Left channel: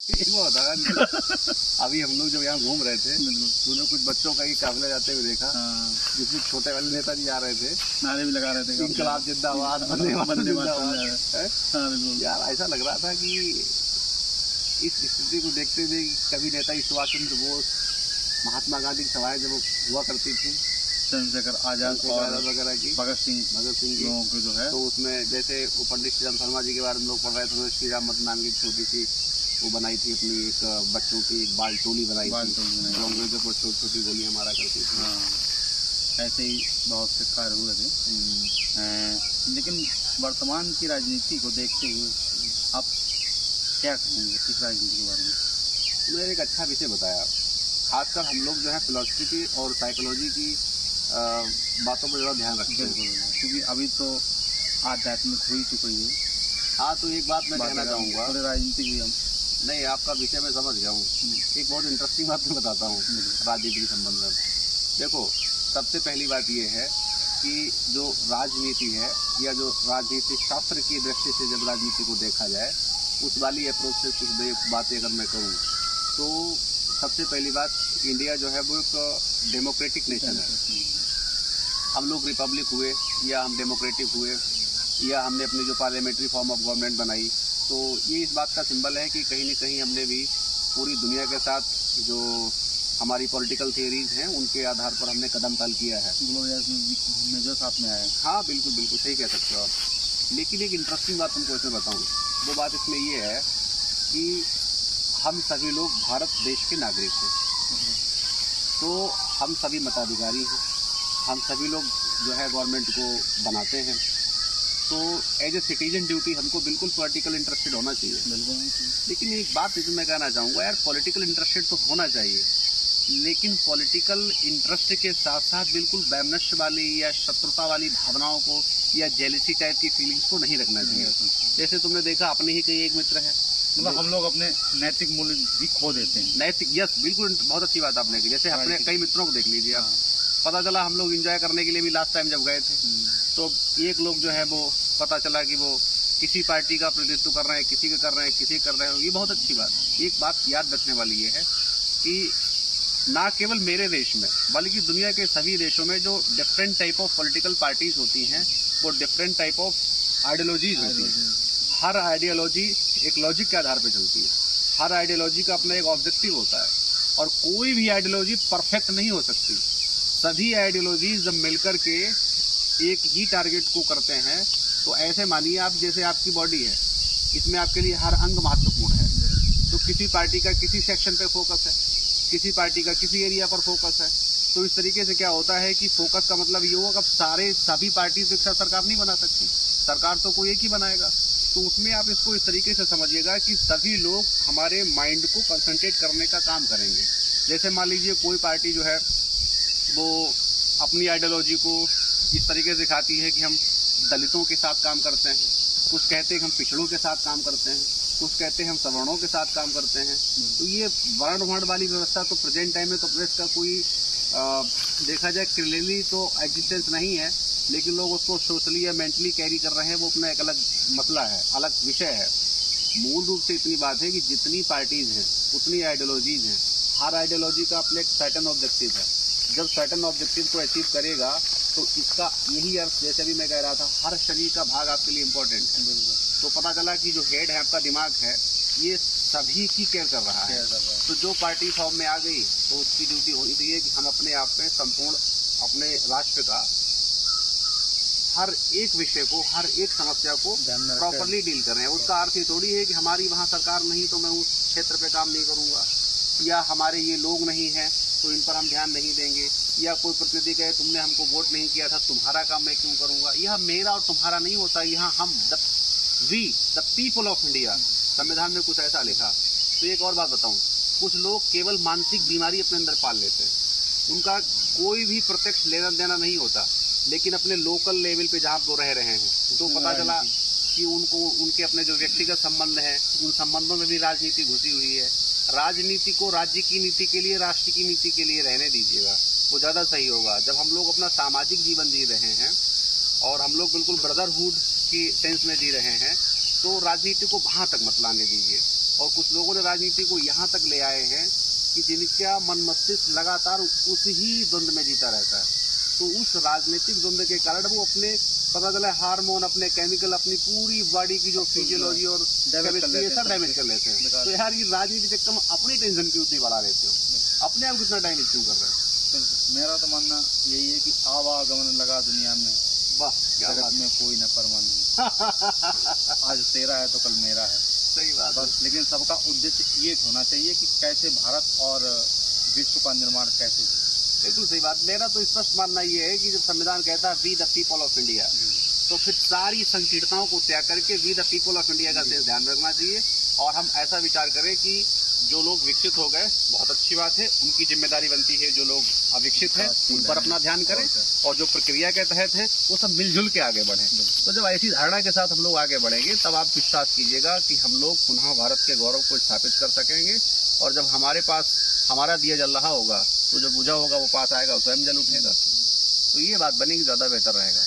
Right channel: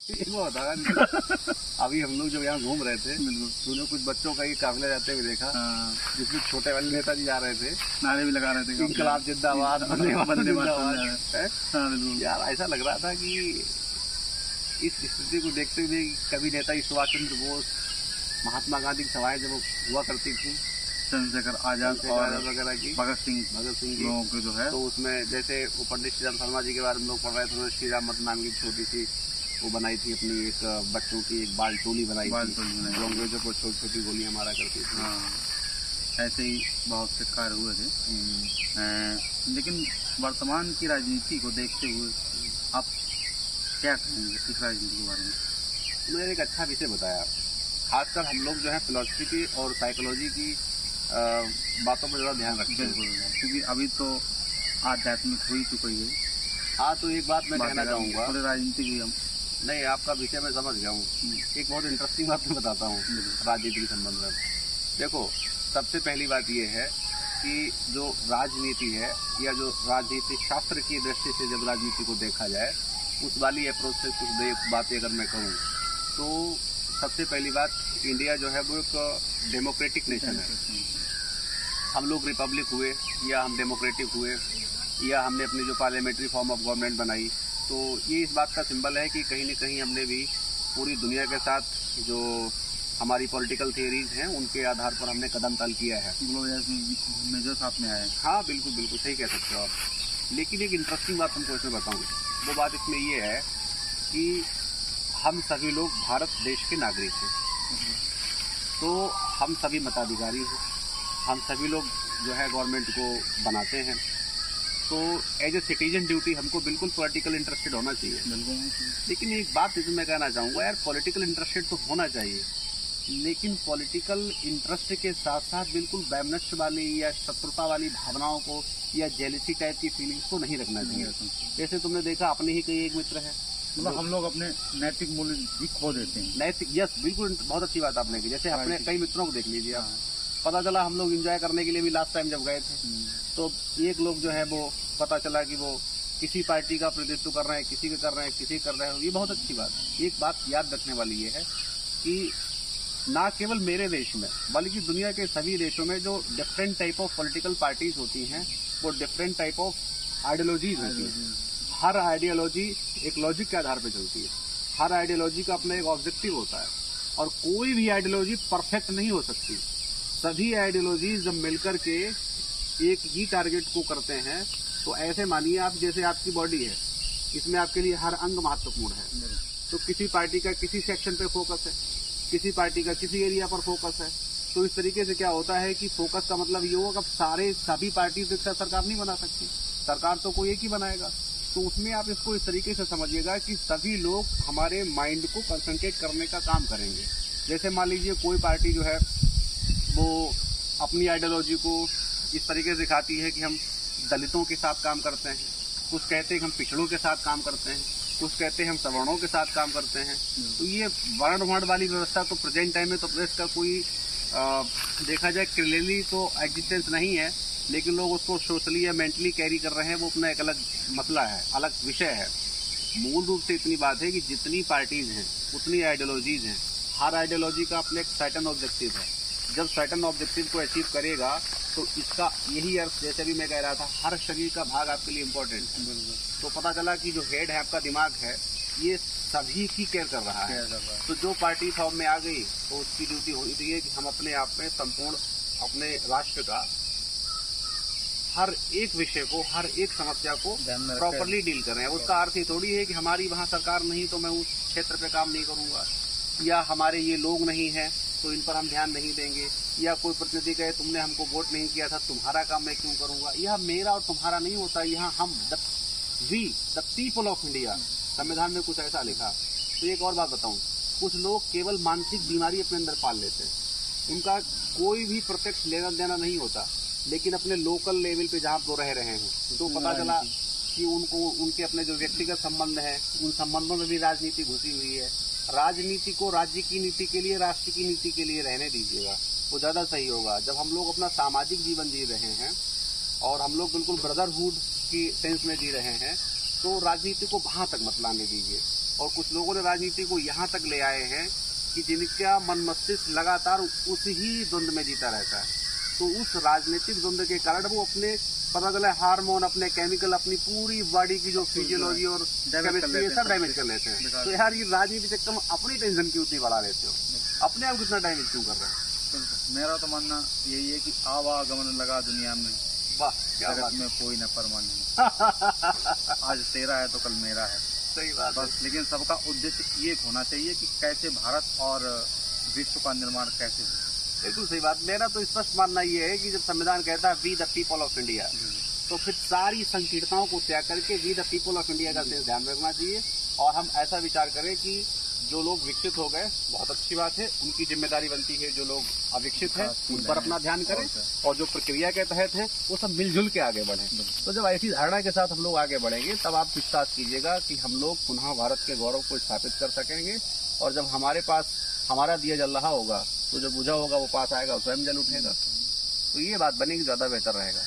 एक वो होता है अभी हम लोग जब यहाँ घूम रहे थे तूने कुछ बच्चों का ही काफिला जाते हुए देखा। हाँ। जिसमें छोटे वाले नेताजी जा रहे थे, नारे भी लगा रहे थे, इंकलाब जिंदाबाद, वंदे मातरम जिंदाबाद। हाँ, यार ऐसा लग रहा था कि इस स्थिति को देखते हुए कभी नेताजी सुभाष चंद्र बोस, महात्मा गांधी की सभाएं जब हुआ करती थी, चंद्रशेखर आजाद और वगैरह की, भगत सिंह लोगों के जो है, तो उसमें जैसे वो पंडित श्री राम शर्मा जी के बारे में लोग पढ़ रहे थे, उन्होंने श्री राम मत नाम की छोटी सी वो बनाई थी, अपनी एक बच्चों की एक बाल टोली बनाई थी, जो अंग्रेजों को छोटी छोटी गोलियां मारा करती थी। हाँ। ऐसे ही बहुत से कार्य हुए थे। लेकिन वर्तमान की राजनीति को देखते हुए आप क्या कहेंगे इस राजनीति के बारे में? मैंने एक अच्छा विषय बताया, खासकर हम लोग जो है फिलॉसफी की और साइकोलॉजी की बातों पर ज़्यादा ध्यान रखते हैं, क्योंकि अभी तो आध्यात्मिक हो ही चुकी है। हाँ, तो एक बात मैं कहना चाहूँगा, थोड़ी राजनीति भी हम नहीं, आपका विषय मैं समझ गया हूँ। एक बहुत इंटरेस्टिंग बात मैं बताता हूँ राजनीति के संबंध में। देखो, सबसे पहली बात ये है कि जो राजनीति है या जो राजनीति शास्त्र की दृष्टि से जब राजनीति को देखा जाए, उस वाली अप्रोच से कुछ बातें अगर मैं करूँ तो सबसे पहली बात, इंडिया जो है वो एक डेमोक्रेटिक नेशन है। हम लोग रिपब्लिक हुए या हम डेमोक्रेटिक हुए या हमने अपनी जो पार्लियामेंट्री फॉर्म ऑफ गवर्नमेंट बनाई, तो ये इस बात का सिंबल है कि कहीं न कहीं हमने भी पूरी दुनिया के साथ जो हमारी पॉलिटिकल थियरीज हैं उनके आधार पर हमने कदम ताल किया है। मेजर साथ में आए। हाँ, बिल्कुल बिल्कुल सही कह सकते हो आप। लेकिन एक इंटरेस्टिंग बात तुमको इसमें बताऊँ, वो बात इसमें ये है कि हम सभी लोग भारत देश के नागरिक हैं, तो हम सभी मताधिकारी हैं, हम सभी लोग जो है गवर्नमेंट को बनाते हैं, तो एज ए सिटीजन ड्यूटी हमको बिल्कुल पॉलिटिकल इंटरेस्टेड होना चाहिए। बिल्कुल। लेकिन एक बात इसमें मैं कहना चाहूँगा, यार पॉलिटिकल इंटरेस्टेड तो होना चाहिए, लेकिन पॉलिटिकल इंटरेस्ट के साथ साथ बिल्कुल वैमनस्य वाली या शत्रुता वाली भावनाओं को या जेलिसी टाइप की फीलिंग्स को नहीं रखना चाहिए। जैसे तुमने देखा, अपने ही कई एक मित्र हैं, मतलब हम लोग अपने नैतिक मूल्य भी खो देते हैं। नैतिक, यस, बिल्कुल बहुत अच्छी बात आपने की। जैसे अपने कई मित्रों को देख लीजिए आप, पता चला हम लोग एंजॉय करने के लिए भी लास्ट टाइम जब गए थे, तो एक लोग जो है वो पता चला कि वो किसी पार्टी का प्रतिनिधित्व कर रहे हैं, किसी के कर रहे हैं, किसी कर रहे हो। ये बहुत अच्छी बात है। एक बात याद रखने वाली ये है कि ना केवल मेरे देश में बल्कि दुनिया के सभी देशों में जो different type of political parties होती हैं, वो डिफरेंट टाइप ऑफ आइडियोलॉजीज होती हैं। हर आइडियोलॉजी एक लॉजिक के आधार पर चलती है, हर आइडियोलॉजी का अपना एक ऑब्जेक्टिव होता है, और कोई भी आइडियोलॉजी परफेक्ट नहीं हो सकती। सभी आइडियोलॉजीज जब मिलकर के एक ही टारगेट को करते हैं, तो ऐसे मानिए आप, जैसे आपकी बॉडी है, इसमें आपके लिए हर अंग महत्वपूर्ण है, तो किसी पार्टी का किसी सेक्शन पे फोकस है, किसी पार्टी का किसी एरिया पर फोकस है, तो इस तरीके से क्या होता है कि फोकस का मतलब ये होगा कि सभी पार्टी एक साथ सरकार नहीं बना सकती, सरकार तो कोई एक ही बनाएगा। तो उसमें आप इसको इस तरीके से समझिएगा कि सभी लोग हमारे माइंड को कंसंट्रेट करने का काम करेंगे। जैसे मान लीजिए कोई पार्टी जो है वो अपनी आइडियोलॉजी को इस तरीके से दिखाती है कि हम दलितों के साथ काम करते हैं, कुछ कहते हैं हम पिछड़ों के साथ काम करते हैं, कुछ कहते हैं हम सवर्णों के साथ काम करते हैं। तो ये वर्ण वाली व्यवस्था तो प्रेजेंट टाइम में तो इसका कोई देखा जाए क्लियरली तो एग्जिस्टेंस नहीं है, लेकिन लोग उसको सोशली या मेंटली कैरी कर रहे हैं, वो अपना एक अलग मसला है, अलग विषय है। मूल रूप से इतनी बात है कि जितनी पार्टीज हैं उतनी आइडियोलॉजीज हैं, हर आइडियोलॉजी का अपना एक सर्टेन ऑब्जेक्टिव है। जब सर्टेन ऑब्जेक्टिव को अचीव करेगा तो इसका यही अर्थ, जैसे भी मैं कह रहा था, हर शरीर का भाग आपके लिए इम्पोर्टेंट है। तो पता चला कि जो हेड है आपका दिमाग है, ये सभी की केयर कर रहा है। तो जो पार्टी फॉर्म में आ गई तो उसकी ड्यूटी होनी चाहिए कि हम अपने आप में संपूर्ण अपने राष्ट्र का हर एक विषय को, हर एक समस्या को प्रॉपरली डील कर रहे हैं। उसका अर्थ ये थोड़ी है कि हमारी वहाँ सरकार नहीं तो मैं उस क्षेत्र पे काम नहीं करूँगा, या हमारे ये लोग नहीं हैं तो इन पर हम ध्यान नहीं देंगे, या कोई प्रतिनिधि कहे तुमने हमको वोट नहीं किया था, तुम्हारा काम मैं क्यों करूँगा। यह मेरा और तुम्हारा नहीं होता, यहाँ हम द पीपल ऑफ इंडिया, संविधान में कुछ ऐसा लिखा। तो एक और बात बताऊँ, कुछ लोग केवल मानसिक बीमारी अपने अंदर पाल लेते हैं, उनका कोई भी प्रत्यक्ष लेना देना नहीं होता, लेकिन अपने लोकल लेवल पे जहाँ वो रह रहे हैं तो पता चला कि उनको उनके अपने जो व्यक्तिगत संबंध हैं, उन संबंधों में भी राजनीति घुसी हुई है। राजनीति को राज्य की नीति के लिए, राष्ट्र की नीति के लिए रहने दीजिएगा, वो ज़्यादा सही होगा। जब हम लोग अपना सामाजिक जीवन जी रहे हैं और हम लोग बिल्कुल ब्रदरहुड की सेंस में जी रहे हैं, तो राजनीति को वहाँ तक मत लाने दीजिए। और कुछ लोगों ने राजनीति को यहाँ तक ले आए हैं कि जिनका मन मस्तिष्क लगातार उस ही द्वंद में जीता रहता है। तो उस राजनीतिक द्वंद के कारण वो अपने पता चला हार्मोन, अपने केमिकल, अपनी पूरी बॉडी की जो फिजियोलॉजी और केमिस्ट्री है सब डैमेज कर लेते हैं। तो यार ये राजनीति चक्कर में अपनी टेंशन क्यों इतनी बढ़ा लेते हो, अपने आप कितना डैमेज क्यों कर रहे हो? मेरा तो मानना यही है कि आवागमन लगा दुनिया में, वाह क्या जगत बात में कोई न परवाह नहीं। आज तेरा है तो कल मेरा है, सही बात बस। लेकिन सबका उद्देश्य ये होना चाहिए कि कैसे भारत और विश्व का निर्माण कैसे हो। बिल्कुल सही बात। मेरा तो स्पष्ट मानना ये है कि जब संविधान कहता है we the people of India, तो फिर सारी संकीर्णताओं को त्याग करके we the people of India का ध्यान रखना चाहिए। और हम ऐसा विचार करें कि जो लोग विकसित हो गए बहुत अच्छी बात है, उनकी जिम्मेदारी बनती है जो लोग अविकसित हैं उन पर अपना ध्यान करें, और जो प्रक्रिया के तहत है वो सब मिलजुल के आगे बढ़ें। तो जब ऐसी धारणा के साथ हम लोग आगे बढ़ेंगे तब आप विश्वास कीजिएगा कि हम लोग पुनः भारत के गौरव को स्थापित कर सकेंगे। और जब हमारे पास हमारा दिया जल रहा होगा तो जो बुझा होगा वो पास आएगा, स्वयं जल उठेगा। तो ये बात बनेगी, ज़्यादा बेहतर रहेगा।